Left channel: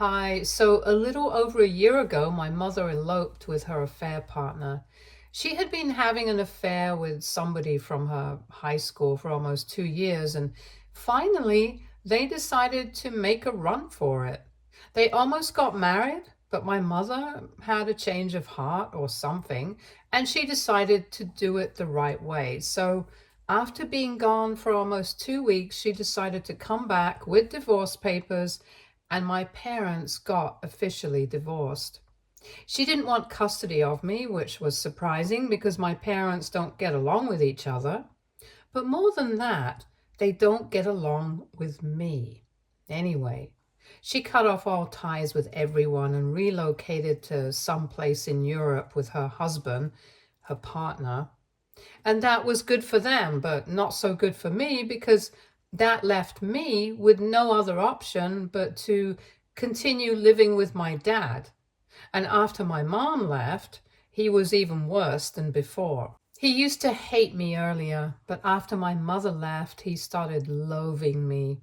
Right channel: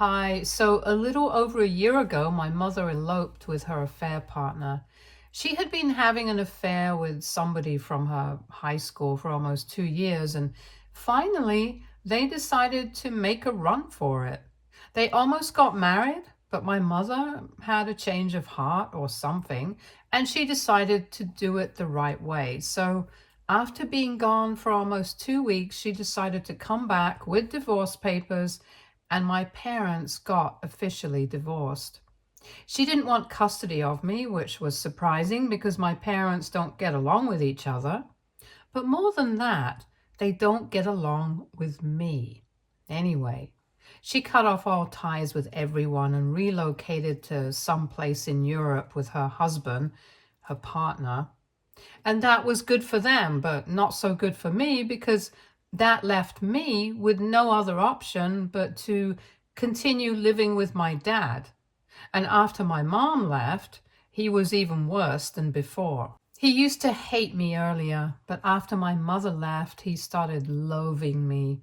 Hi. So, a little over a year ago, my mother eloped with her affair partner. She had been having an affair with somebody from her high school for almost 2 years, and finally, they decided to make a run for it. They almost got married, but my mother had a change of heart or something, and she decided to do it the right way. So, after being gone for almost 2 weeks, she decided to come back with divorce papers and my parents got officially divorced. She didn't want custody of me, which was surprising because my parents don't get along with each other. But more than that, they don't get along with me. Anyway, she cut off all ties with everyone and relocated to some place in Europe with her husband, her partner. And that was good for them, but not so good for me because that left me with no other option but to continue living with my dad. And after my mom left, he was even worse than before. He used to hate me earlier, but after my mother left, he started loathing me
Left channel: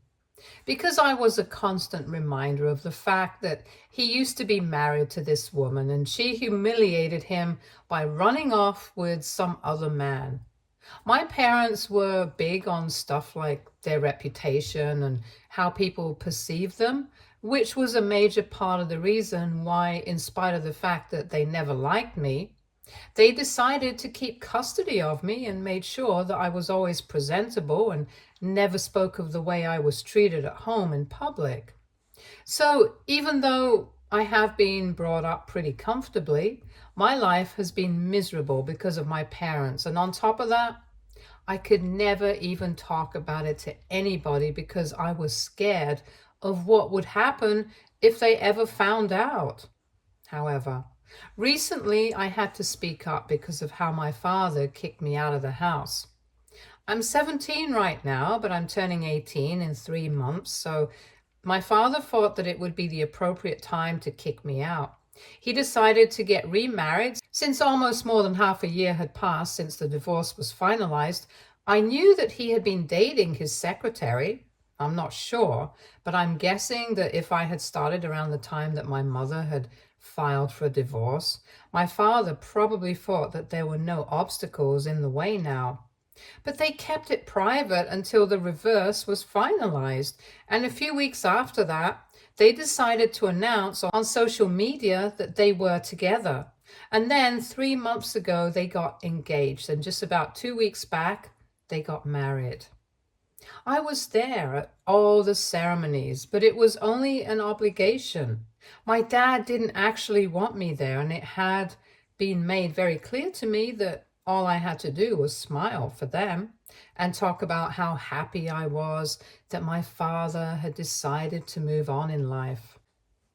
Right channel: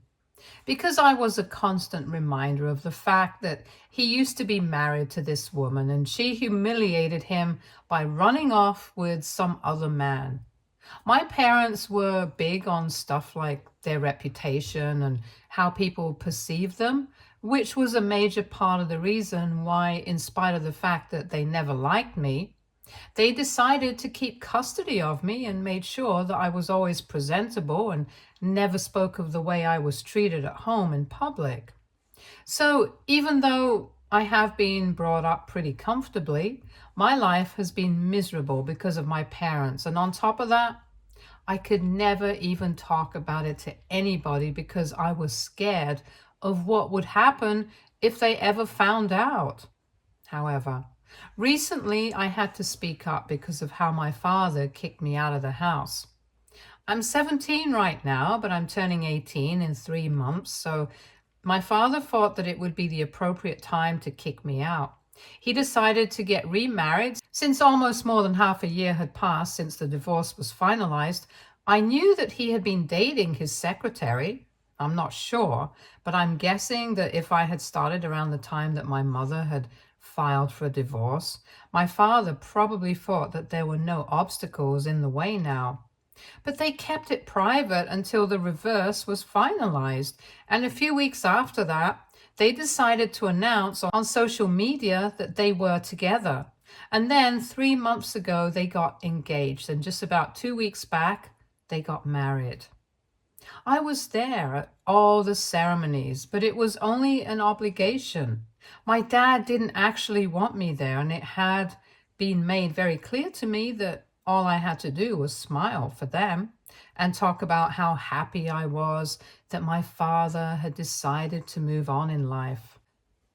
because I was a constant reminder of the fact that he used to be married to this woman and she humiliated him by running off with some other man. My parents were big on stuff like their reputation and how people perceive them, which was a major part of the reason why, in spite of the fact that they never liked me, they decided to keep custody of me and made sure that I was always presentable and never spoke of the way I was treated at home in public. So even though I have been brought up pretty comfortably, my life has been miserable because of my parents. And on top of that, I could never even talk about it to anybody because I was scared of what would happen if they ever found out. However, recently I had to speak up because of how my father kicked me out of the house. I'm 17 right now, but I'm turning 18 in 3 months, so my father thought that it would be the appropriate time to kick me out. He decided to get remarried. Since almost more than half a year had passed since the divorce was finalized, I knew that he had been dating his secretary. I'm not sure, but I'm guessing that if I had started around the time that my mother had filed for a divorce, my father probably thought that there were no obstacles in the way now. But they kept it private until the reverse was finalized. And a few weeks after that, they decided to announce on social media that they were together. And then 3 months ago, they got engaged. And just about 2 weeks back, they got married. I was there at all the ceremonies, but it was only an obligation. My dad didn't actually want me there, and it had been made very clear to me that all I had to do was smile for them and talk about how happy I was that my father had decided to move on in life.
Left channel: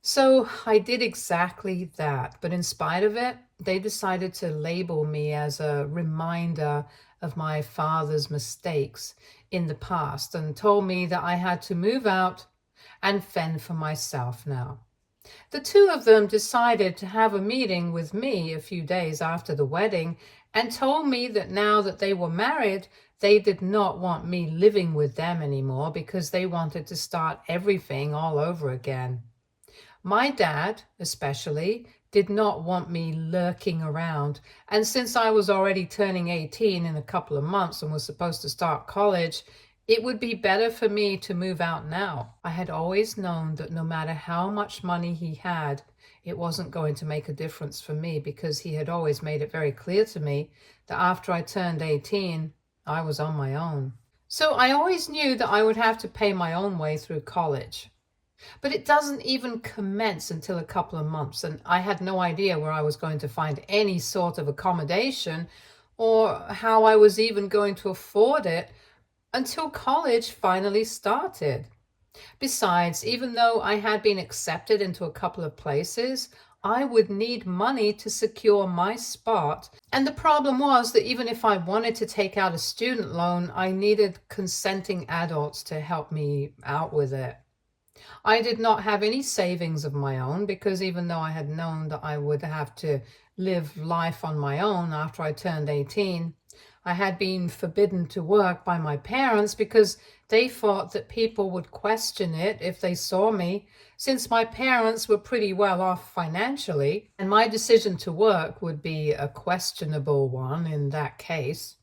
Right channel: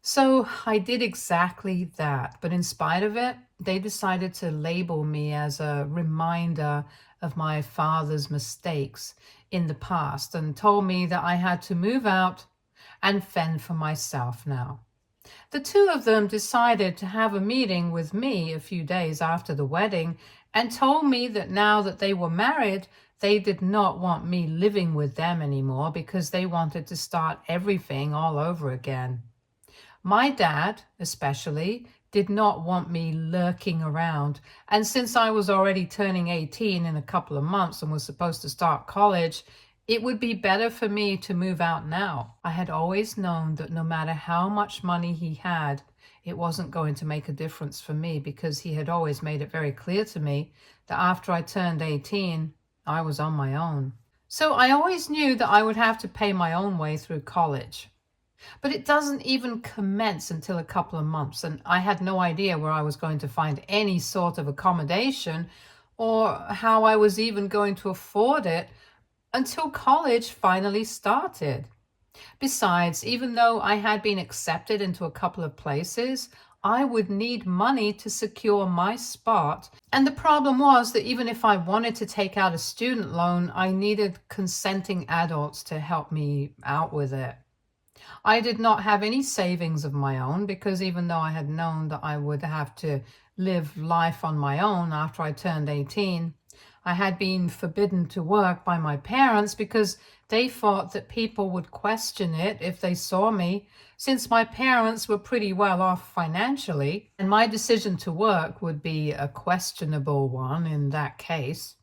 So I did exactly that, but in spite of it, they decided to label me as a reminder of my father's mistakes in the past and told me that I had to move out and fend for myself now. The two of them decided to have a meeting with me a few days after the wedding and told me that now that they were married, they did not want me living with them anymore because they wanted to start everything all over again. My dad, especially, did not want me lurking around. And since I was already turning 18 in a couple of months and was supposed to start college, it would be better for me to move out now. I had always known that no matter how much money he had, it wasn't going to make a difference for me because he had always made it very clear to me that after I turned 18, I was on my own. So I always knew that I would have to pay my own way through college. But it doesn't even commence until a couple of months, and I had no idea where I was going to find any sort of accommodation or how I was even going to afford it until college finally started. Besides, even though I had been accepted into a couple of places, I would need money to secure my spot. And the problem was that even if I wanted to take out a student loan, I needed consenting adults to help me out with it. I did not have any savings of my own because even though I had known that I would have to live life on my own after I turned 18, I had been forbidden to work by my parents because they thought that people would question it if they saw me, since my parents were pretty well off financially, and my decision to work would be a questionable one in that case.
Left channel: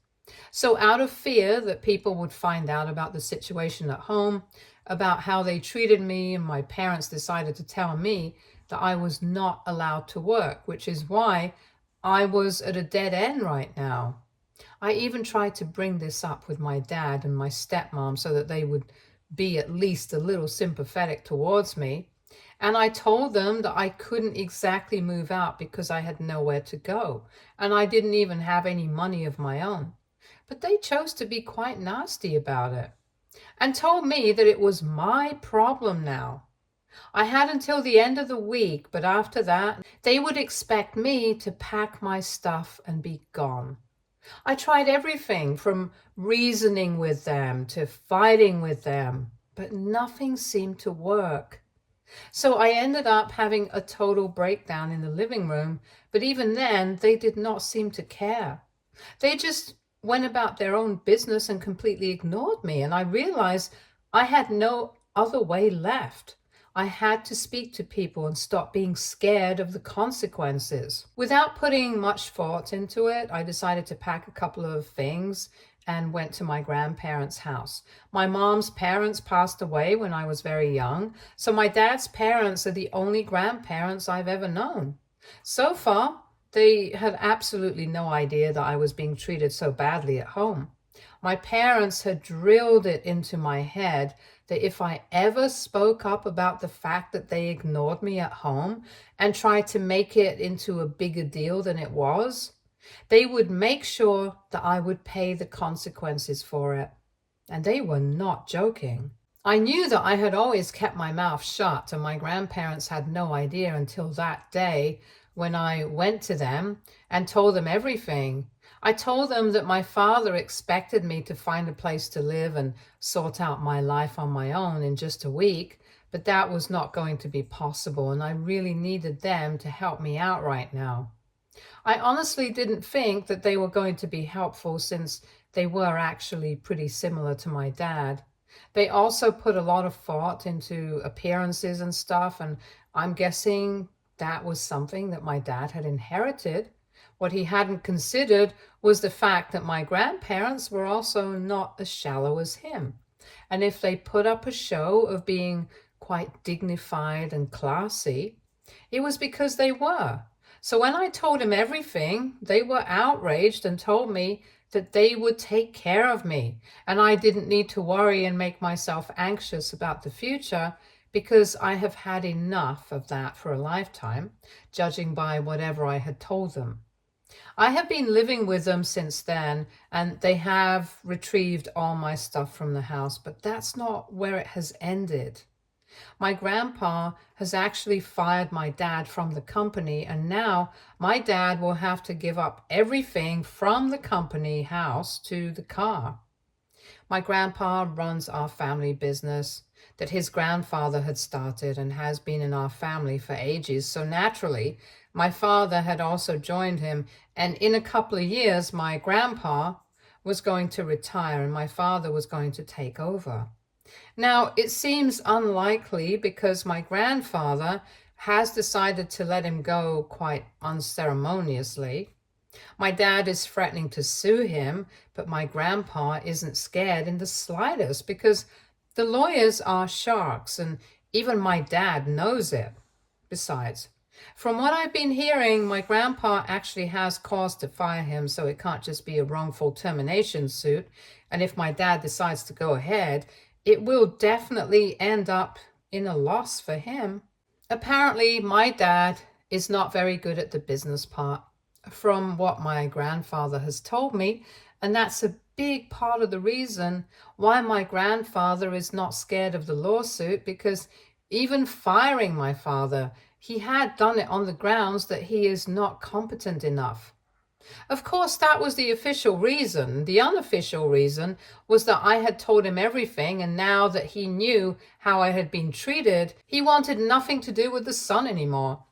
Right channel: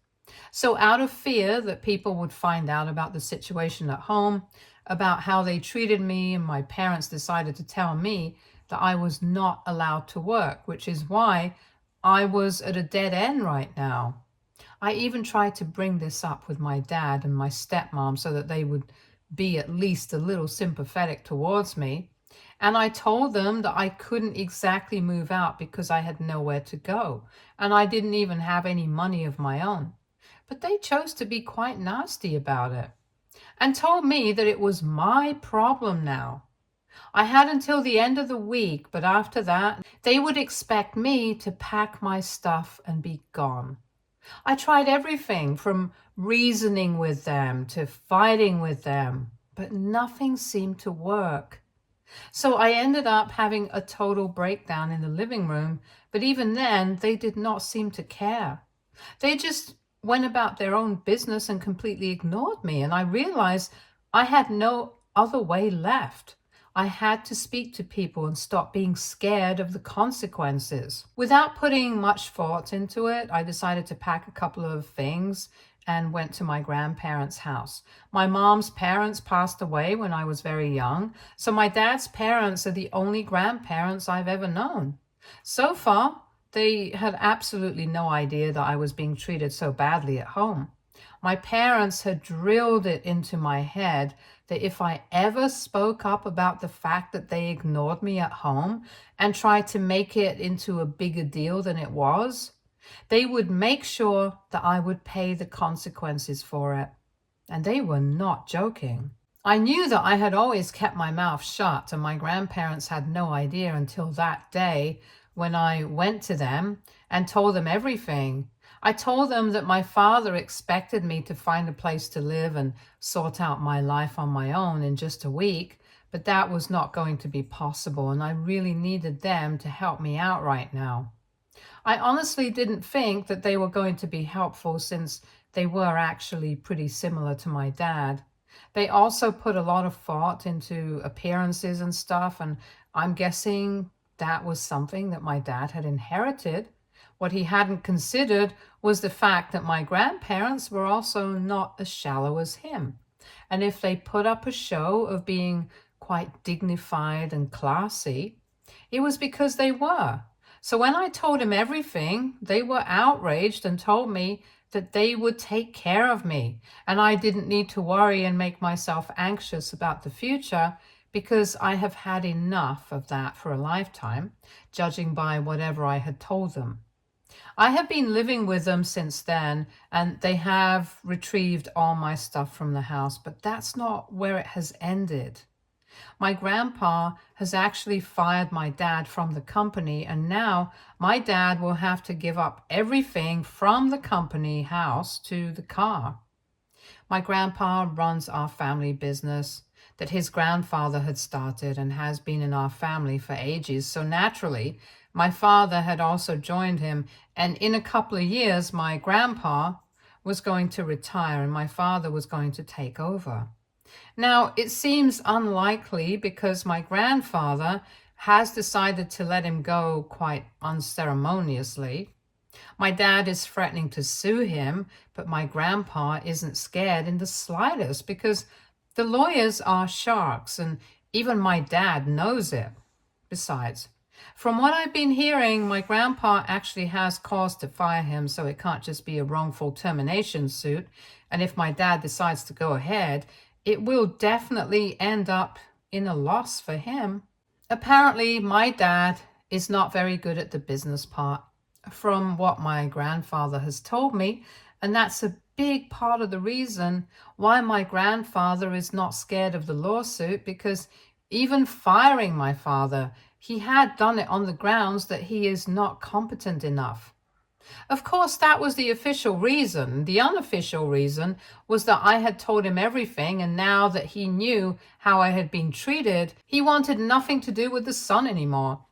So, out of fear that people would find out about the situation at home, about how they treated me, and my parents decided to tell me that I was not allowed to work, which is why I was at a dead end right now. I even tried to bring this up with my dad and my stepmom so that they would be at least a little sympathetic towards me. And I told them that I couldn't exactly move out because I had nowhere to go, and I didn't even have any money of my own. But they chose to be quite nasty about it and told me that it was my problem now. I had until the end of the week, but after that, they would expect me to pack my stuff and be gone. I tried everything from reasoning with them to fighting with them, but nothing seemed to work. So I ended up having a total breakdown in the living room, but even then, they did not seem to care. They just went about their own business and completely ignored me. And I realized I had no other way left. I had to speak to people and stop being scared of the consequences. Without putting much thought into it, I decided to pack a couple of things and went to my grandparents' house. My mom's parents passed away when I was very young, so my dad's parents are the only grandparents I've ever known. So far, they had absolutely no idea that I was being treated so badly at home. My parents had drilled it into my head that if I ever spoke up about the fact that they ignored me at home and tried to make it into a bigger deal than it was, they would make sure that I would pay the consequences for it. And they were not joking. I knew that I had always kept my mouth shut, and my grandparents had no idea until that day when I went to them and told them everything. I told them that my father expected me to find a place to live and sort out my life on my own in just a week, but that was not going to be possible, and I really needed them to help me out right now. I honestly didn't think that they were going to be helpful since they were actually pretty similar to my dad. They also put a lot of thought into appearances and stuff, and I'm guessing that was something that my dad had inherited. What he hadn't considered was the fact that my grandparents were also not as shallow as him. And if they put up a show of being quite dignified and classy, it was because they were. So when I told him everything, they were outraged and told me that they would take care of me and I didn't need to worry and make myself anxious about the future because I have had enough of that for a lifetime, judging by whatever I had told them. I have been living with them since then, and they have retrieved all my stuff from the house, but that's not where it has ended. My grandpa has actually fired my dad from the company, and now my dad will have to give up everything from the company house to the car. My grandpa runs our family business that his grandfather had started and has been in our family for ages. So naturally, my father had also joined him. And in a couple of years, my grandpa was going to retire and my father was going to take over. Now, it seems unlikely because my grandfather has decided to let him go quite unceremoniously. My dad is threatening to sue him, but my grandpa isn't scared in the slightest because the lawyers are sharks and even my dad knows it. Besides, from what I've been hearing, my grandpa actually has cause to fire him, so it can't just be a wrongful termination suit. And if my dad decides to go ahead, it will definitely end up in a loss for him. Apparently, my dad is not very good at the business part, from what my grandfather has told me, and that's a big part of the reason why my grandfather is not scared of the lawsuit, because even firing my father, he had done it on the grounds that he is not competent enough. Of course, that was the official reason. The unofficial reason was that I had told him everything, and now that he knew how I had been treated, he wanted nothing to do with the son anymore.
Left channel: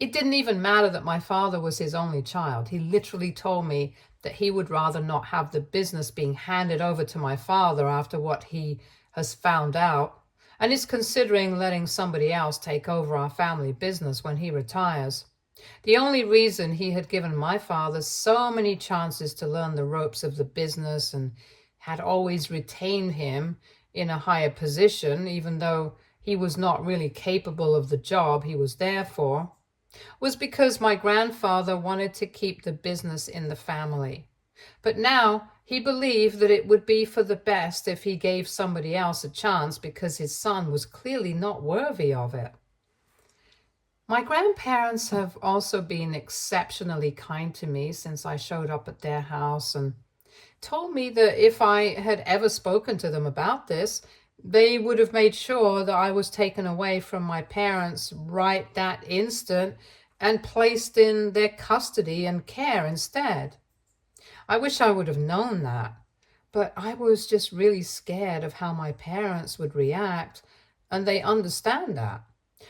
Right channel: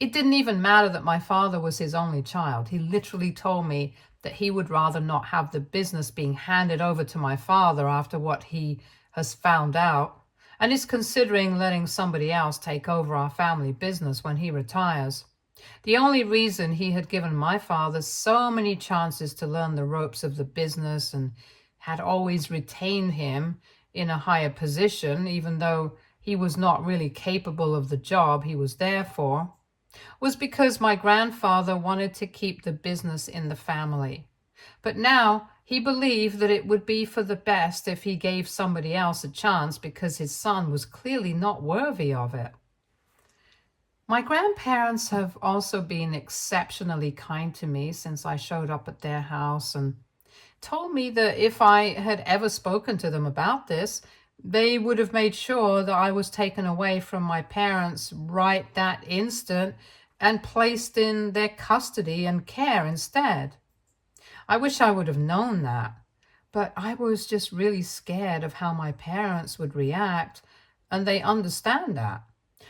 It didn't even matter that my father was his only child. He literally told me that he would rather not have the business being handed over to my father after what he has found out, and is considering letting somebody else take over our family business when he retires. The only reason he had given my father so many chances to learn the ropes of the business and had always retained him in a higher position, even though he was not really capable of the job he was there for, was because my grandfather wanted to keep the business in the family. But now he believed that it would be for the best if he gave somebody else a chance because his son was clearly not worthy of it. My grandparents have also been exceptionally kind to me since I showed up at their house and told me that if I had ever spoken to them about this, they would have made sure that I was taken away from my parents right that instant and placed in their custody and care instead. I wish I would have known that, but I was just really scared of how my parents would react, and they understand that.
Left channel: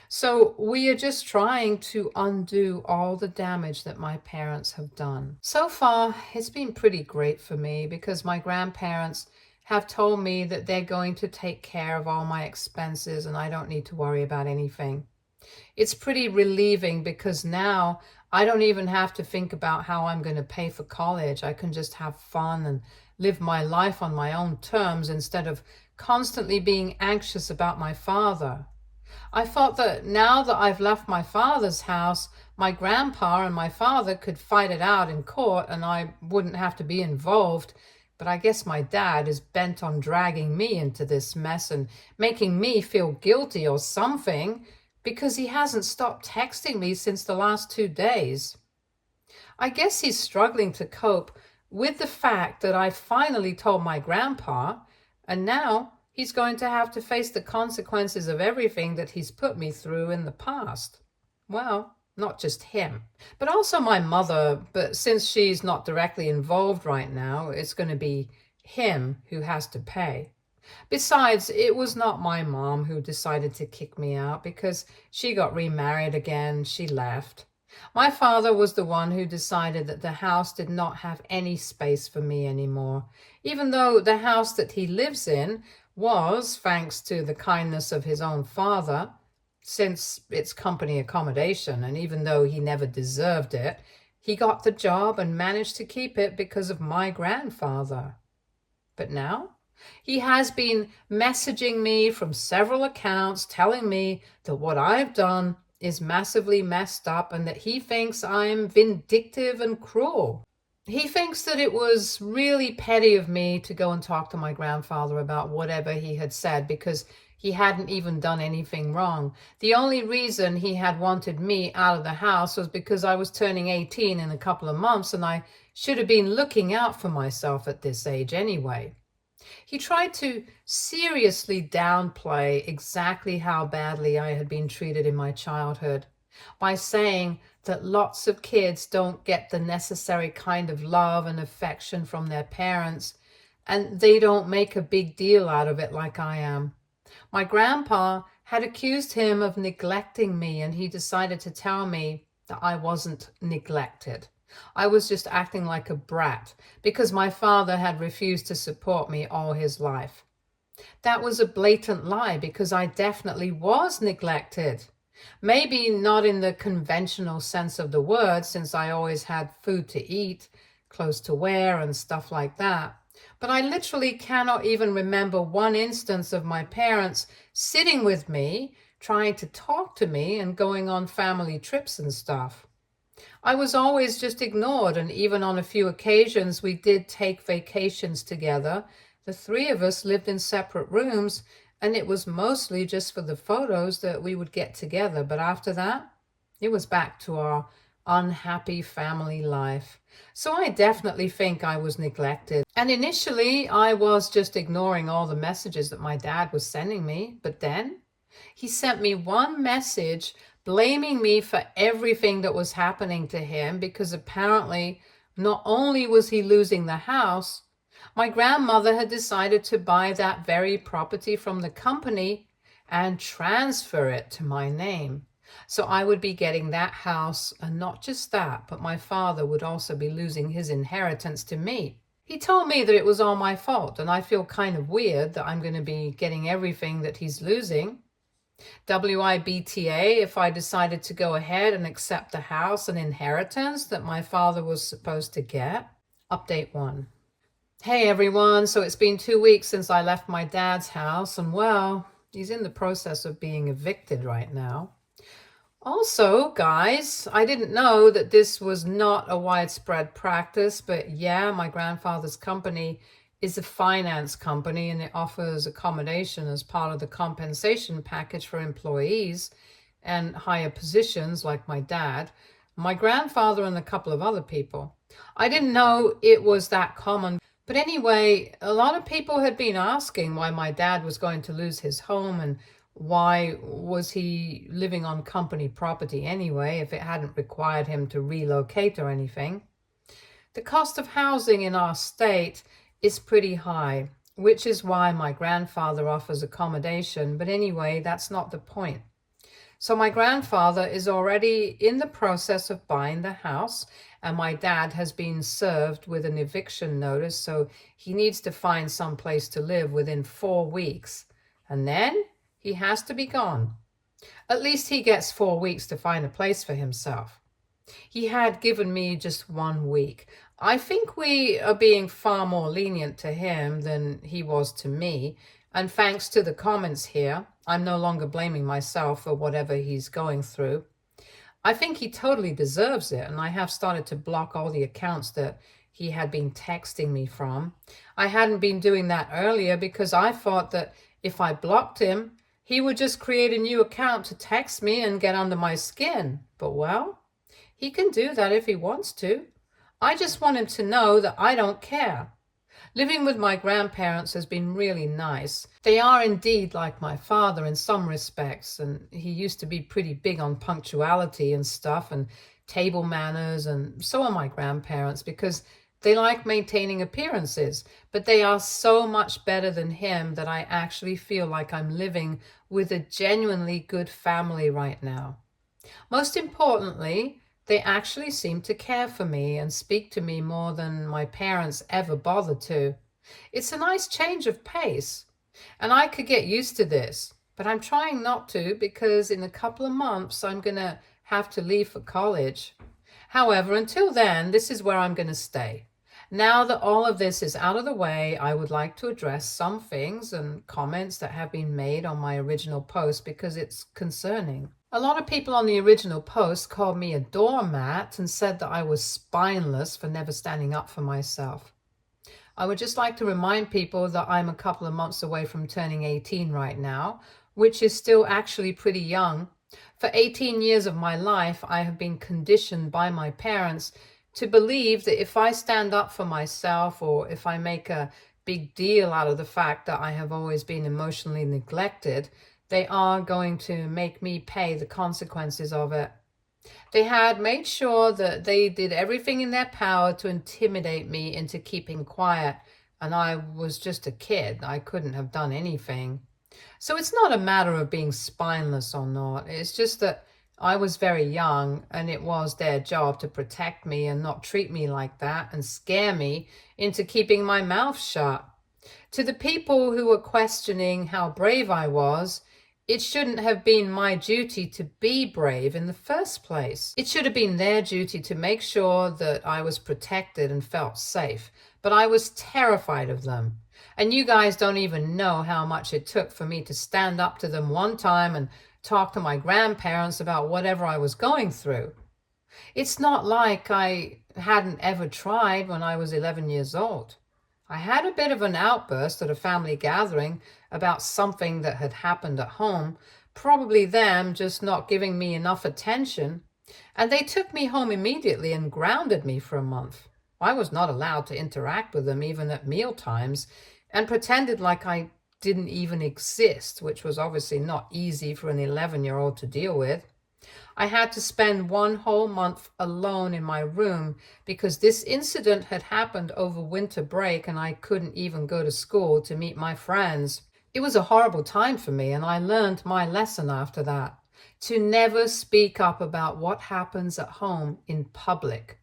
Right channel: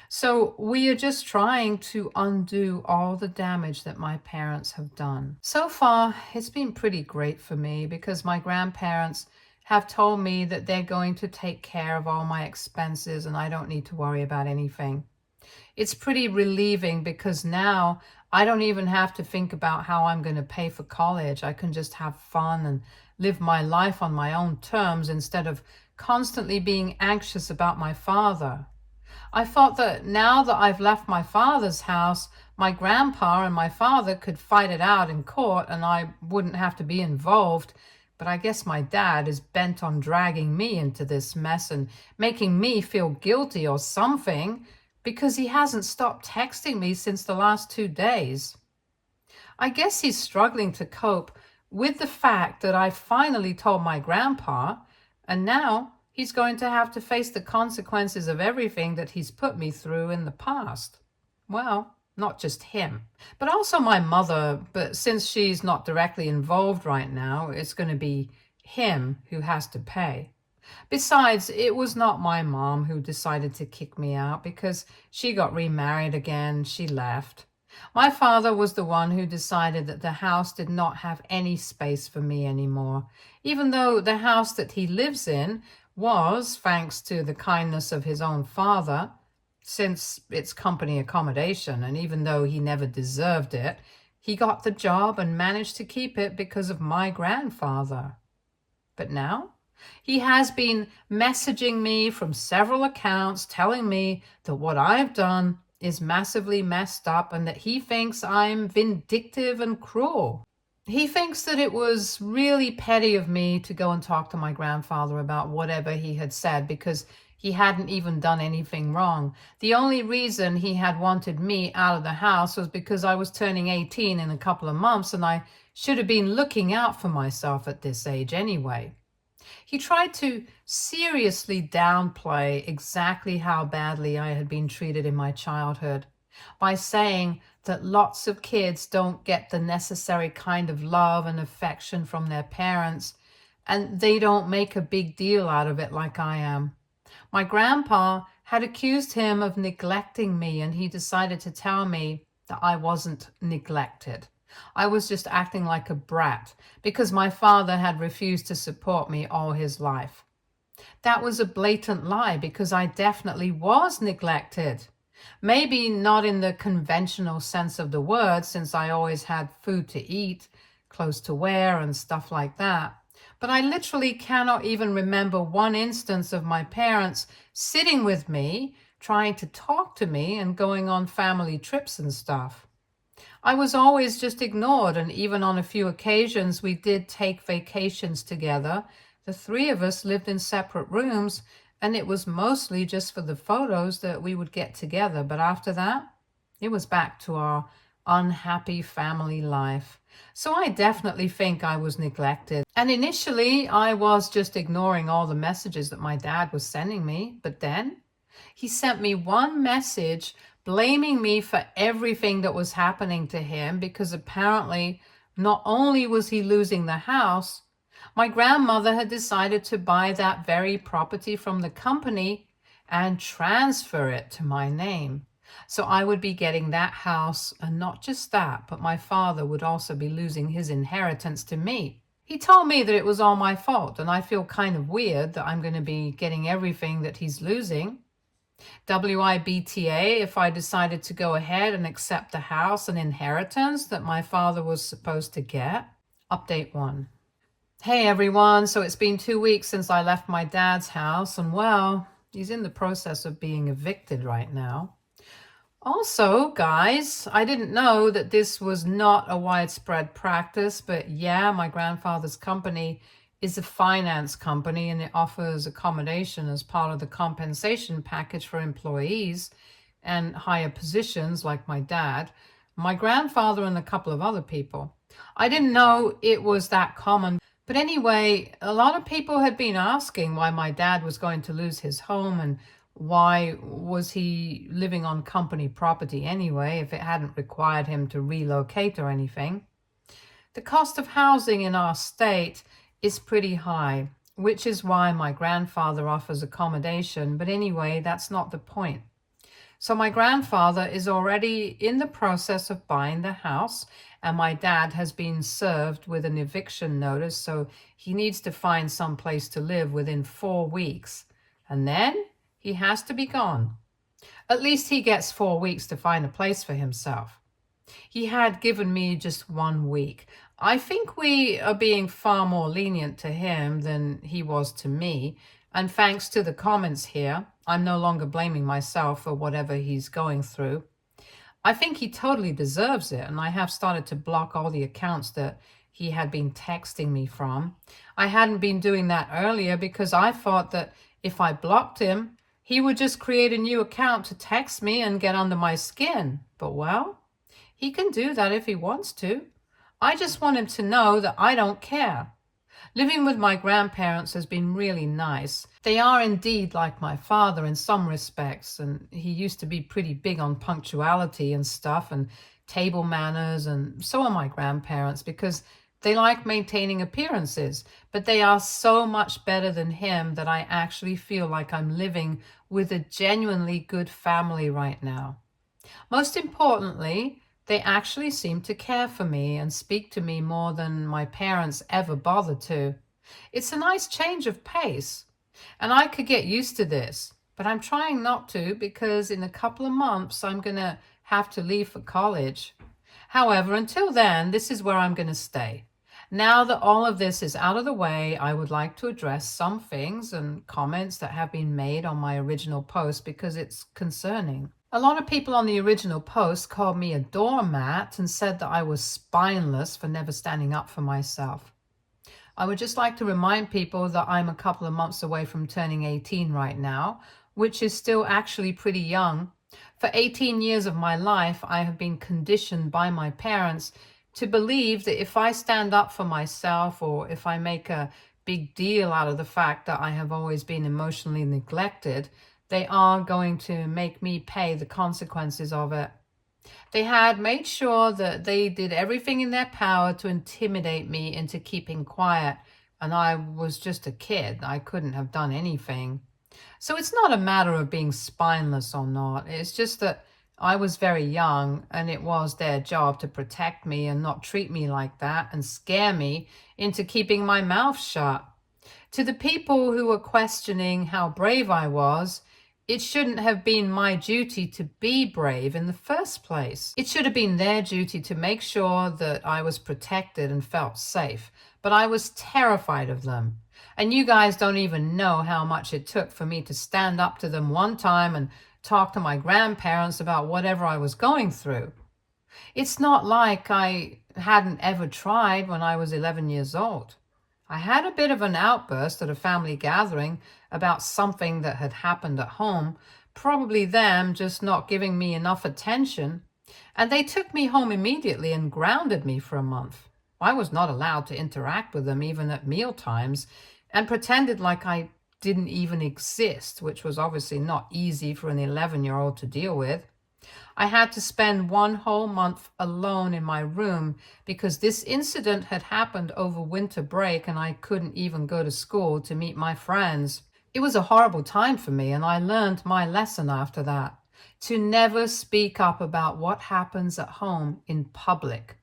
So we are just trying to undo all the damage that my parents have done. So far, it's been pretty great for me because my grandparents have told me that they're going to take care of all my expenses and I don't need to worry about anything. It's pretty relieving because now I don't even have to think about how I'm going to pay for college. I can just have fun and live my life on my own terms instead of constantly being anxious about my father. I thought that now that I've left my father's house, my grandpa and my father could fight it out in court and I wouldn't have to be involved. But I guess my dad is bent on dragging me into this mess and making me feel guilty or something because he hasn't stopped texting me since the last 2 days. I guess he's struggling to cope with the fact that I finally told my grandpa, and now he's going to have to face the consequences of everything that he's put me through in the past. Well, not just him, but also my mother. But since she's not directly involved right now, it's going to be him who has to pay. Besides, it was not my mom who decided to kick me out because she got remarried again. She left. My father was the one who decided that the house did not have any space for me anymore, even though the house that he lives in was, thanks to the kindness of his own father, since it's company accommodation, and even though he never deserved it, he got the job and managed to keep it because of my grandfather. But now he has been messaging me from several accounts telling me that what I've done is massively messed up and that he thinks I'm vindictive and cruel. He thinks that it was really petty of me to go and talk to my grandfather about whatever he had said because he hadn't even done anything wrong. The only reason he had wanted me out of the house was because I was turning 18 in a couple of months and I should have been looking out for myself at this age anyway. He tried to seriously downplay exactly how badly I had been treated in my childhood by saying that lots of kids don't get the necessary kind of love and affection from their parents, and they don't make a big deal out of it like I am. My grandpa had accused him of neglecting me, and he decided to tell me that I wasn't neglected. I was just acting like a brat because my father had refused to support me all his life. That was a blatant lie because I definitely was neglected. Maybe not in the conventional sense of the word, since I always had food to eat, clothes to wear, and stuff like that. But I literally cannot even remember one instance of my parents sitting with me, trying to talk to me, and going on family trips and stuff. I was always just ignored, and even on a few occasions we did take vacations together. The three of us lived in separate rooms, and it was mostly just for the photos that we would get together. But after that, it was back to our unhappy family life. So I definitely think I was neglected. And initially, I was just ignoring all the messages that my dad was sending me. But then he sent me one message blaming me for everything that was happening to him because apparently not only was he losing the house, my grandmother had decided to buy that very property from the company and transfer it to my name. So I would be getting that house, and not just that, but my father would also be losing his inheritance to me. He told me that it was all my fault, and I feel kind of weird that I'm going to be getting everything that he's losing. WIBTA if I decided to go ahead and accept the house and inheritance that my father was supposed to get. Update 1. Hey everyone, so it's been 2 weeks since I left my dad's house, and well, he's in the process of being evicted right now. Also, guys, I didn't know that this was not a widespread practice, but yeah, my grandfather's company is a finance company and it offers accommodation as part of the compensation package for employees and higher positions like my dad, my grandfather, and a couple of other people. I didn't know it was that common. But anyway, a lot of people had been asking why my dad was going to lose his home and why was he living on company property anyway if it hadn't required him to relocate or anything. The cost of housing in our state is pretty high, which is why my grandfather offers accommodation. But anyway, that's not the point. So my grandfather is already in the process of buying the house, and my dad has been served with an eviction notice, so he needs to find some place to live within 4 weeks. And then he has to be gone. At least he gets 4 weeks to find a place for himself. He had given me just 1 week. I think we are being far more lenient to him than he was to me. And thanks to the comments here, I'm no longer blaming myself for whatever he's going through. I think he totally deserves it, and I have started to block all the accounts that he had been texting me from. I hadn't been doing that earlier because I thought that if I blocked him, he would just create a new account to text me and get under my skin. But well, he can do that if he wants to. I just want him to know that I don't care. Living with my grandparents has been really nice. They are indeed like my father in some respects, and he used to be pretty big on punctuality and stuff and table manners, and so are my grandparents because they like maintaining appearances, but they are so much better than him that I actually feel like I'm living with a genuinely good family right now. Most importantly, they actually seem to care for me and speak to me more than my parents ever bothered to. It's a nice change of pace, and I could get used to this, but I'm trying not to because in a couple of months I'm going to have to leave for college. However, until then, this is where I'm going to stay. Now that all of this is out of the way, I would like to address some things and comments that have been made on my original post because it's concerning. A lot of people on the original post called me a doormat and said that I was spineless for never standing up for myself. I would just like to remind people that I'm a couple of months away from turning 18 right now, which is still actually pretty young. For 18 years of my life, I have been conditioned by my parents to believe that if I stand up for myself or if I make a big deal out of the fact that I have always been emotionally neglected, they are going to make me pay the consequences of it. They had made sure that they did everything in their power to intimidate me into keeping quiet, and I was just a kid. I couldn't have done anything. So it's not a matter of being spineless or not. It's just that I was very young, and it was their job to protect me and not treat me like that and scare me into keeping my mouth shut. To the people who were questioning how brave I was, it shouldn't have been my duty to be brave in the first place. It should have been their duty to make sure that I was protected and felt safe. But I was terrified of them. And you guys don't even know how much it took for me to stand up to them one time and talk to my grandparents about whatever I was going through. It's not like I hadn't ever tried when I was 11 years old. I had a bit of an outburst at a family gathering about something that had happened at home, probably them just not giving me enough attention, and they took me home immediately and grounded me for a month. I was not allowed to interact with them even at meal times, and pretended like I didn't even exist, which was obviously not easy for an 11-year-old to deal with. I had to spend 1 whole month alone in my room because this incident had happened over winter break and I couldn't even go to school to meet my friends. It was a horrible time for me, and I learned my lesson after that. to never speak up about what happens at home in public.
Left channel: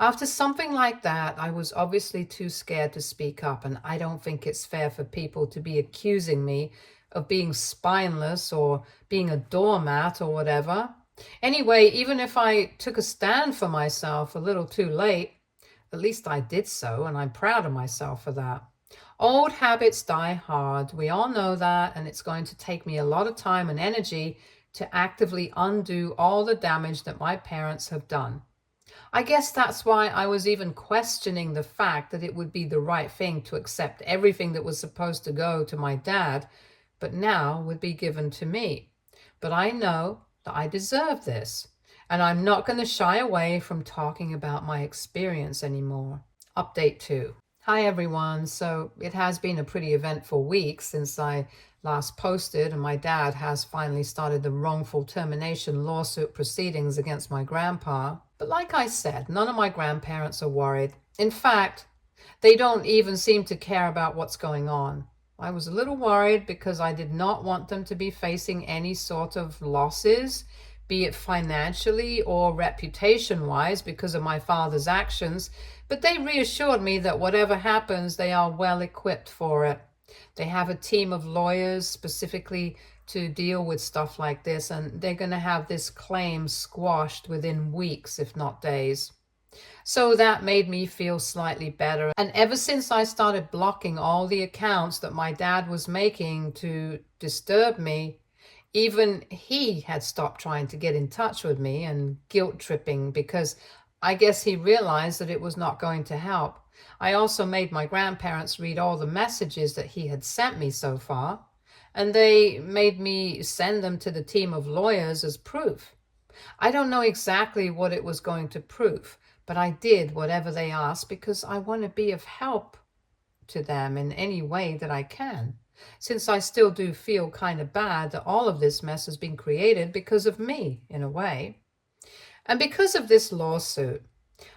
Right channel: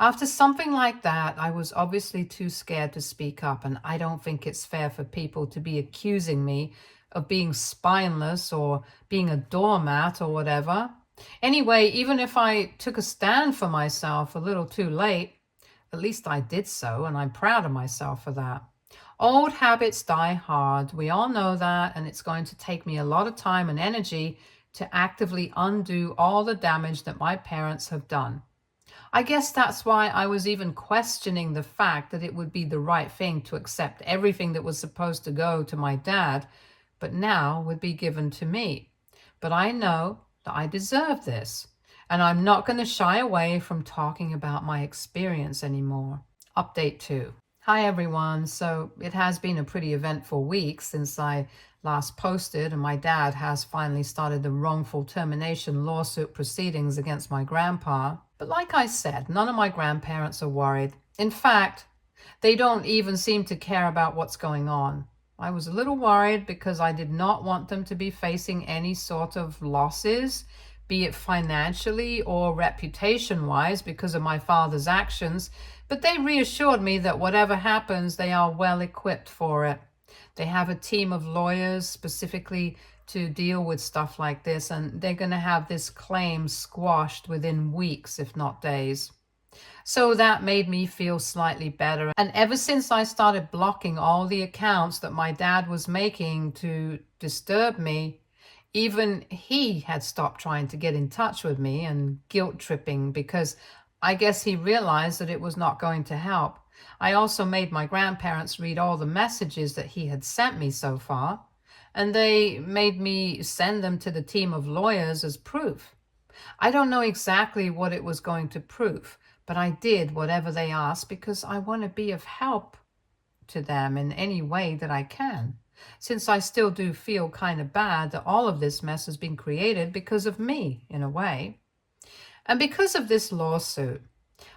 After something like that, I was obviously too scared to speak up, and I don't think it's fair for people to be accusing me of being spineless or being a doormat or whatever. Anyway, even if I took a stand for myself a little too late, at least I did so, and I'm proud of myself for that. Old habits die hard. We all know that, and it's going to take me a lot of time and energy to actively undo all the damage that my parents have done. I guess that's why I was even questioning the fact that it would be the right thing to accept everything that was supposed to go to my dad, but now would be given to me. But I know that I deserve this, and I'm not going to shy away from talking about my experience anymore. Update 2. Hi everyone. So it has been a pretty eventful week since I last posted, and my dad has finally started the wrongful termination lawsuit proceedings against my grandpa. But like I said, none of my grandparents are worried. In fact, they don't even seem to care about what's going on. I was a little worried because I did not want them to be facing any sort of losses, be it financially or reputation-wise because of my father's actions, but they reassured me that whatever happens, they are well equipped for it. They have a team of lawyers specifically to deal with stuff like this, and they're going to have this claim squashed within weeks, if not days. So that made me feel slightly better. And ever since I started blocking all the accounts that my dad was making to disturb me, even he had stopped trying to get in touch with me and guilt tripping because I guess he realized that it was not going to help. I also made my grandparents read all the messages that he had sent me so far, and they made me send them to the team of lawyers as proof. I don't know exactly what it was going to prove, but I did whatever they asked because I want to be of help to them in any way that I can, since I still do feel kind of bad that all of this mess has been created because of me, in a way. And because of this lawsuit,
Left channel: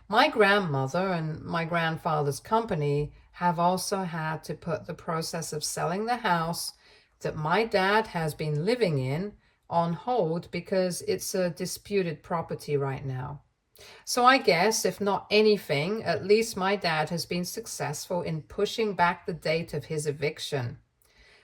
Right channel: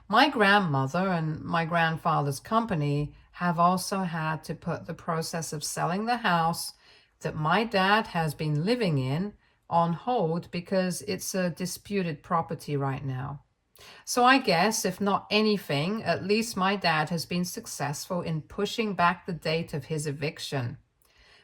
my grandmother and my grandfather's company have also had to put the process of selling the house that my dad has been living in on hold because it's a disputed property right now. So I guess, if not anything, at least my dad has been successful in pushing back the date of his eviction.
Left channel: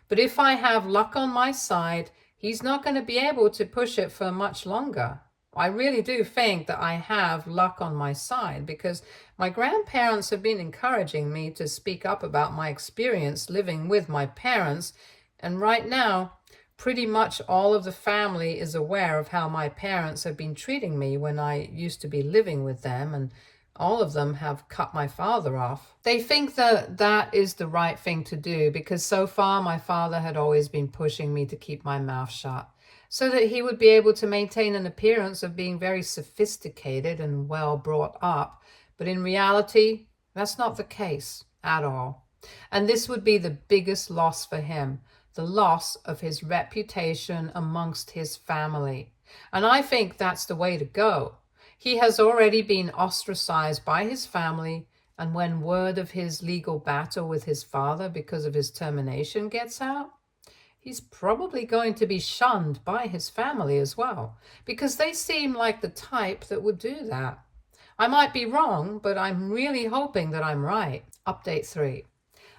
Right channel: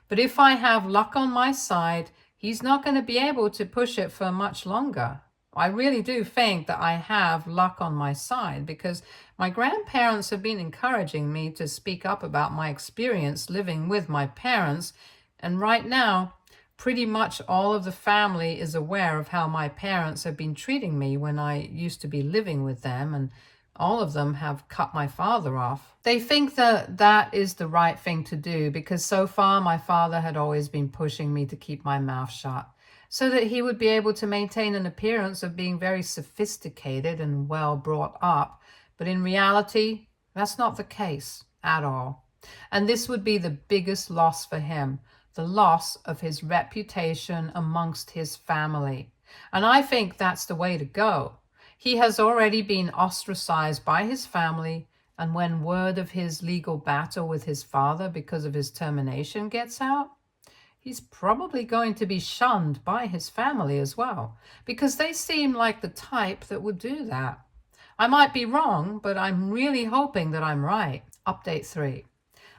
But if I have luck on my side, he's not going to be able to push it for much longer. I really do think that I have luck on my side because my grandparents have been encouraging me to speak up about my experience living with my parents. And right now, pretty much all of the family is aware of how my parents have been treating me when I used to be living with them, and all of them have cut my father off. They think that that is the right thing to do because so far my father had always been pushing me to keep my mouth shut so that he would be able to maintain an appearance of being very sophisticated and well brought up. But in reality, that's not the case at all. And this would be the biggest loss for him, the loss of his reputation amongst his family. And I think that's the way to go. He has already been ostracized by his family, and when word of his legal battle with his father because of his termination gets out, he's probably going to be shunned by his family as well, because they seem like the type that would do that. I might be wrong, but I'm really hoping that I'm right. Update 3.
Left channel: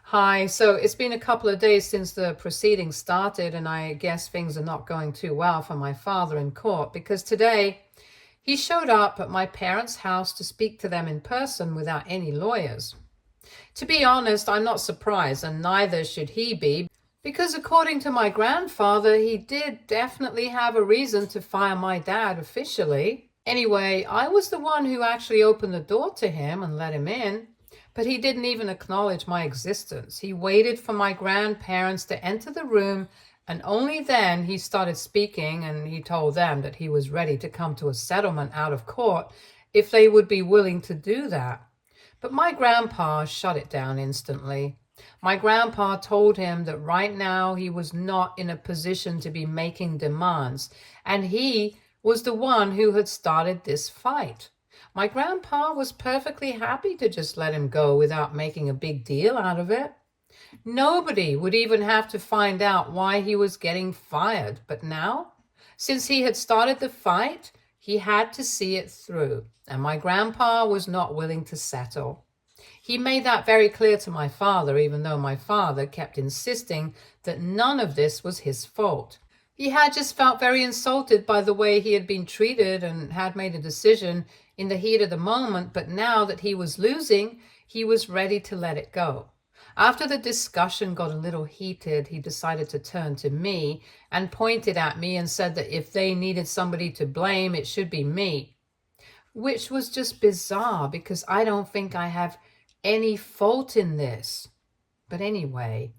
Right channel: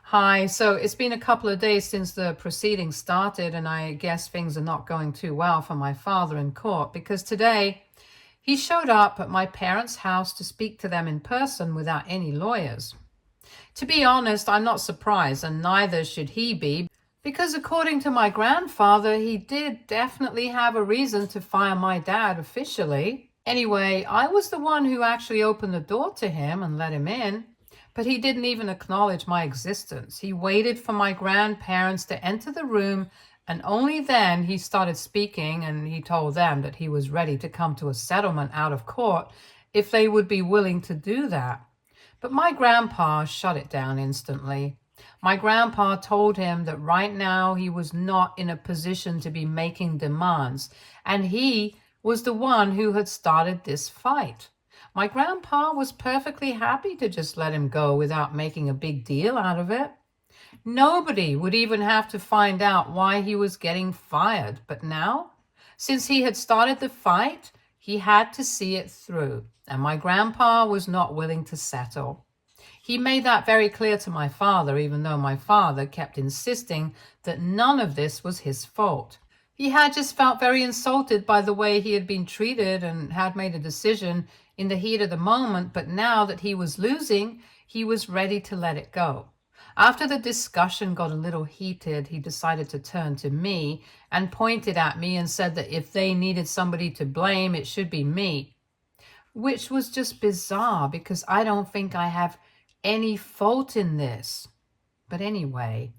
Hi, so it's been a couple of days since the proceedings started, and I guess things are not going too well for my father in court because today he showed up at my parents' house to speak to them in person without any lawyers. To be honest, I'm not surprised, and neither should he be, because according to my grandfather, he did definitely have a reason to fire my dad officially. Anyway, I was the one who actually opened the door to him and let him in. But he didn't even acknowledge my existence. He waited for my grandparents to enter the room, and only then he started speaking, and he told them that he was ready to come to a settlement out of court if they would be willing to do that. But my grandpa shut it down instantly. My grandpa told him that right now he was not in a position to be making demands, and he was the one who had started this fight. My grandpa was perfectly happy to just let him go without making a big deal out of it. Nobody would even have to find out why he was getting fired. But now Since he had started the fight, he had to see it through, and my grandpa was not willing to settle. He made that very clear to my father, even though my father kept insisting that none of this was his fault. He had just felt very insulted by the way he had been treated and had made a decision in the heat of the moment, but now that he was losing, he was ready to let it go. After the discussion got a little heated, he decided to turn to me and pointed at me and said that if they needed somebody to blame, it should be me, which was just bizarre because I don't think I have any fault in this. But anyway,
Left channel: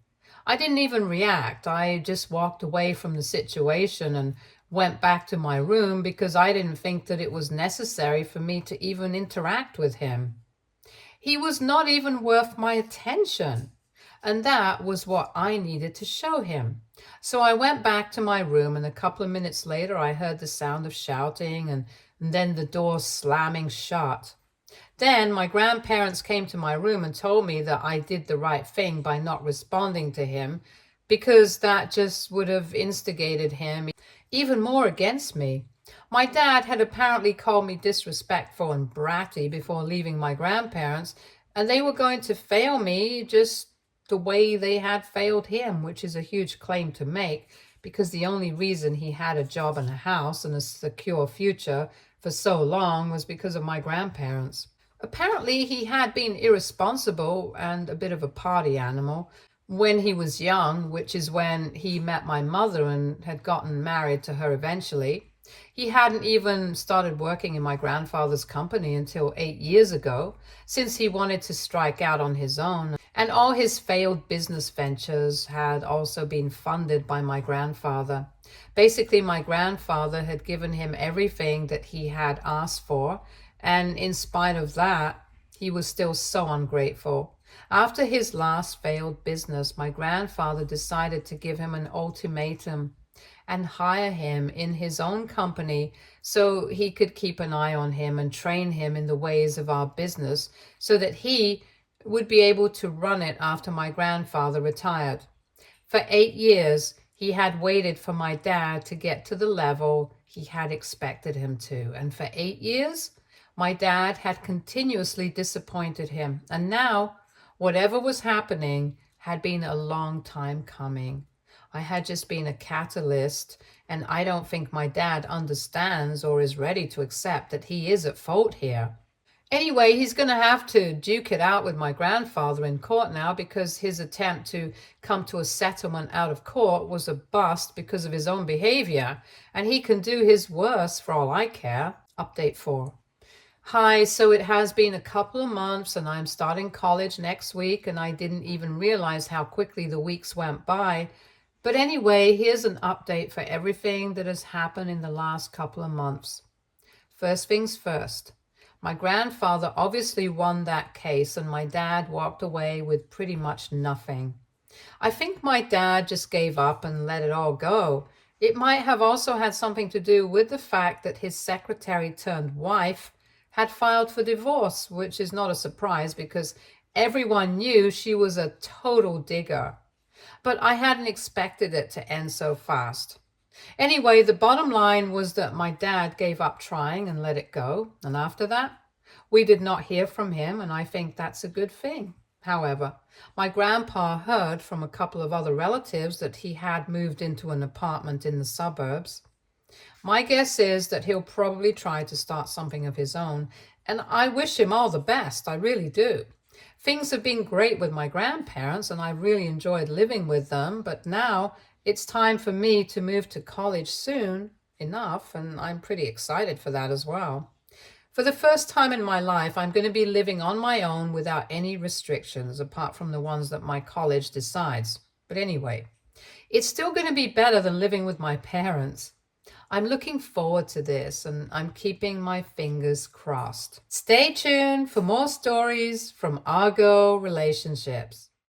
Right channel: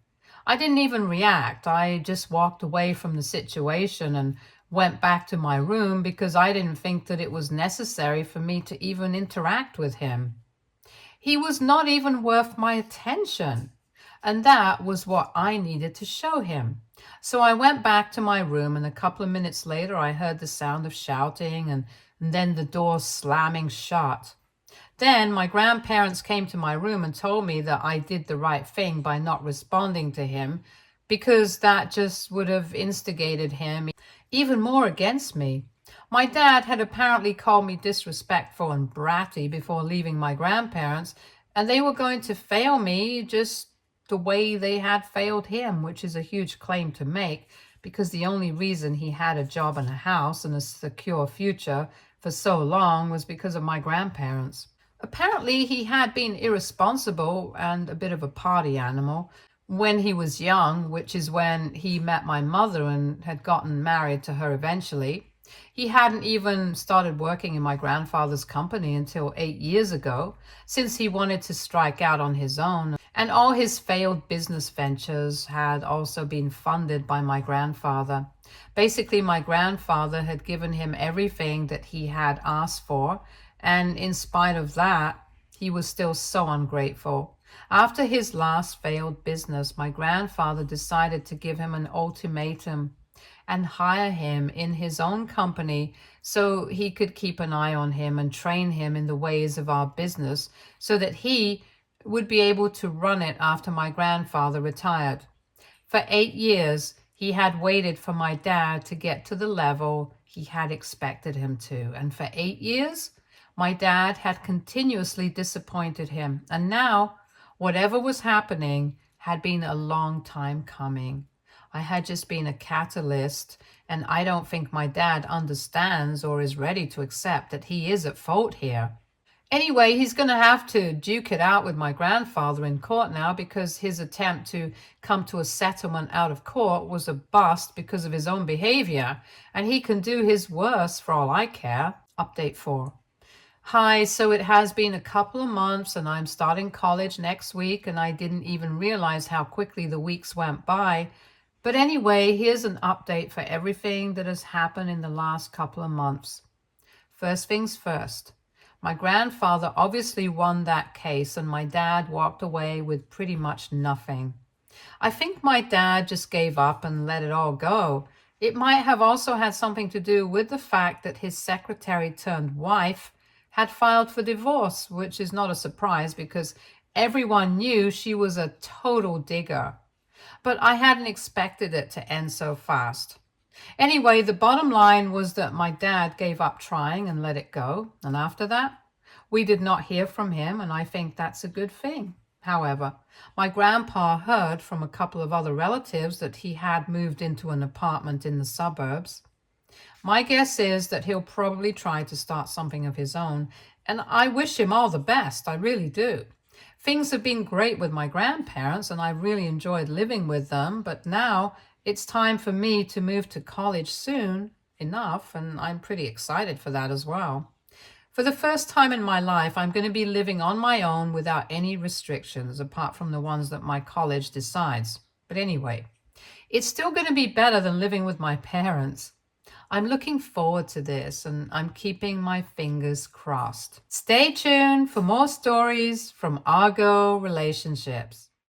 I didn't even react. I just walked away from the situation and went back to my room because I didn't think that it was necessary for me to even interact with him. He was not even worth my attention, and that was what I needed to show him. So I went back to my room, and a couple of minutes later I heard the sound of shouting and then the door slamming shut. Then my grandparents came to my room and told me that I did the right thing by not responding to him, because that just would have instigated him even more against me. My dad had apparently called me disrespectful and bratty before leaving my grandparents, and they were going to fail me just the way they had failed him, which is a huge claim to make, because the only reason he had a job and a house and a secure future for so long was because of my grandparents. Apparently, he had been irresponsible and a bit of a party animal when he was young, which is when he met my mother and had gotten married to her eventually. He hadn't even started working in my grandfather's company until 8 years ago, since he wanted to strike out on his own, and all his failed business ventures had also been funded by my grandfather. Basically, my grandfather had given him everything that he had asked for, and in spite of that, he was still so ungrateful. After his last failed business, my grandfather decided to give him an ultimatum and hire him in his own company so he could keep an eye on him and train him in the ways of our business so that he would be able to run it after my grandfather retired. For 8 years, he had waited for my dad to get to the level he had expected him to. And for 8 years, my dad had continuously disappointed him. And now, whatever was happening had been a long time coming. I had just been a catalyst, and I don't think my dad understands or is ready to accept that he is at fault here. Anyway, he's going to have to duke it out with my grandfather in court now because his attempt to come to a settlement out of court was a bust because of his own behavior, and he can do his worst for all I care. Update 4. Hi, so it has been a couple of months and I'm starting college next week, and I didn't even realize how quickly the weeks went by. But anyway, here's an update for everything that has happened in the last couple of months. First things first, my grandfather obviously won that case and my dad walked away with pretty much nothing. I think my dad just gave up and let it all go. It might have also had something to do with the fact that his secretary turned wife had filed for divorce, which is not a surprise because everyone knew she was a total digger. But I hadn't expected it to end so fast. Anyway, the bottom line was that my dad gave up trying and let it go. And after that, we did not hear from him, and I think that's a good thing. However, my grandpa heard from a couple of other relatives that he had moved into an apartment in the suburbs. My guess is that he'll probably try to start something of his own, and I wish him all the best, I really do. Things have been great with my grandparents, and I really enjoyed living with them, but now it's time for me to move to college soon enough, and I'm pretty excited for that as well. For the first time in my life, I'm going to be living on my own without any restrictions, apart from the ones that my college decides. But anyway, it's still going to be better than living with my parents. I'm looking forward to this, and I'm keeping my fingers crossed. Stay tuned for more stories from Argo Relationships.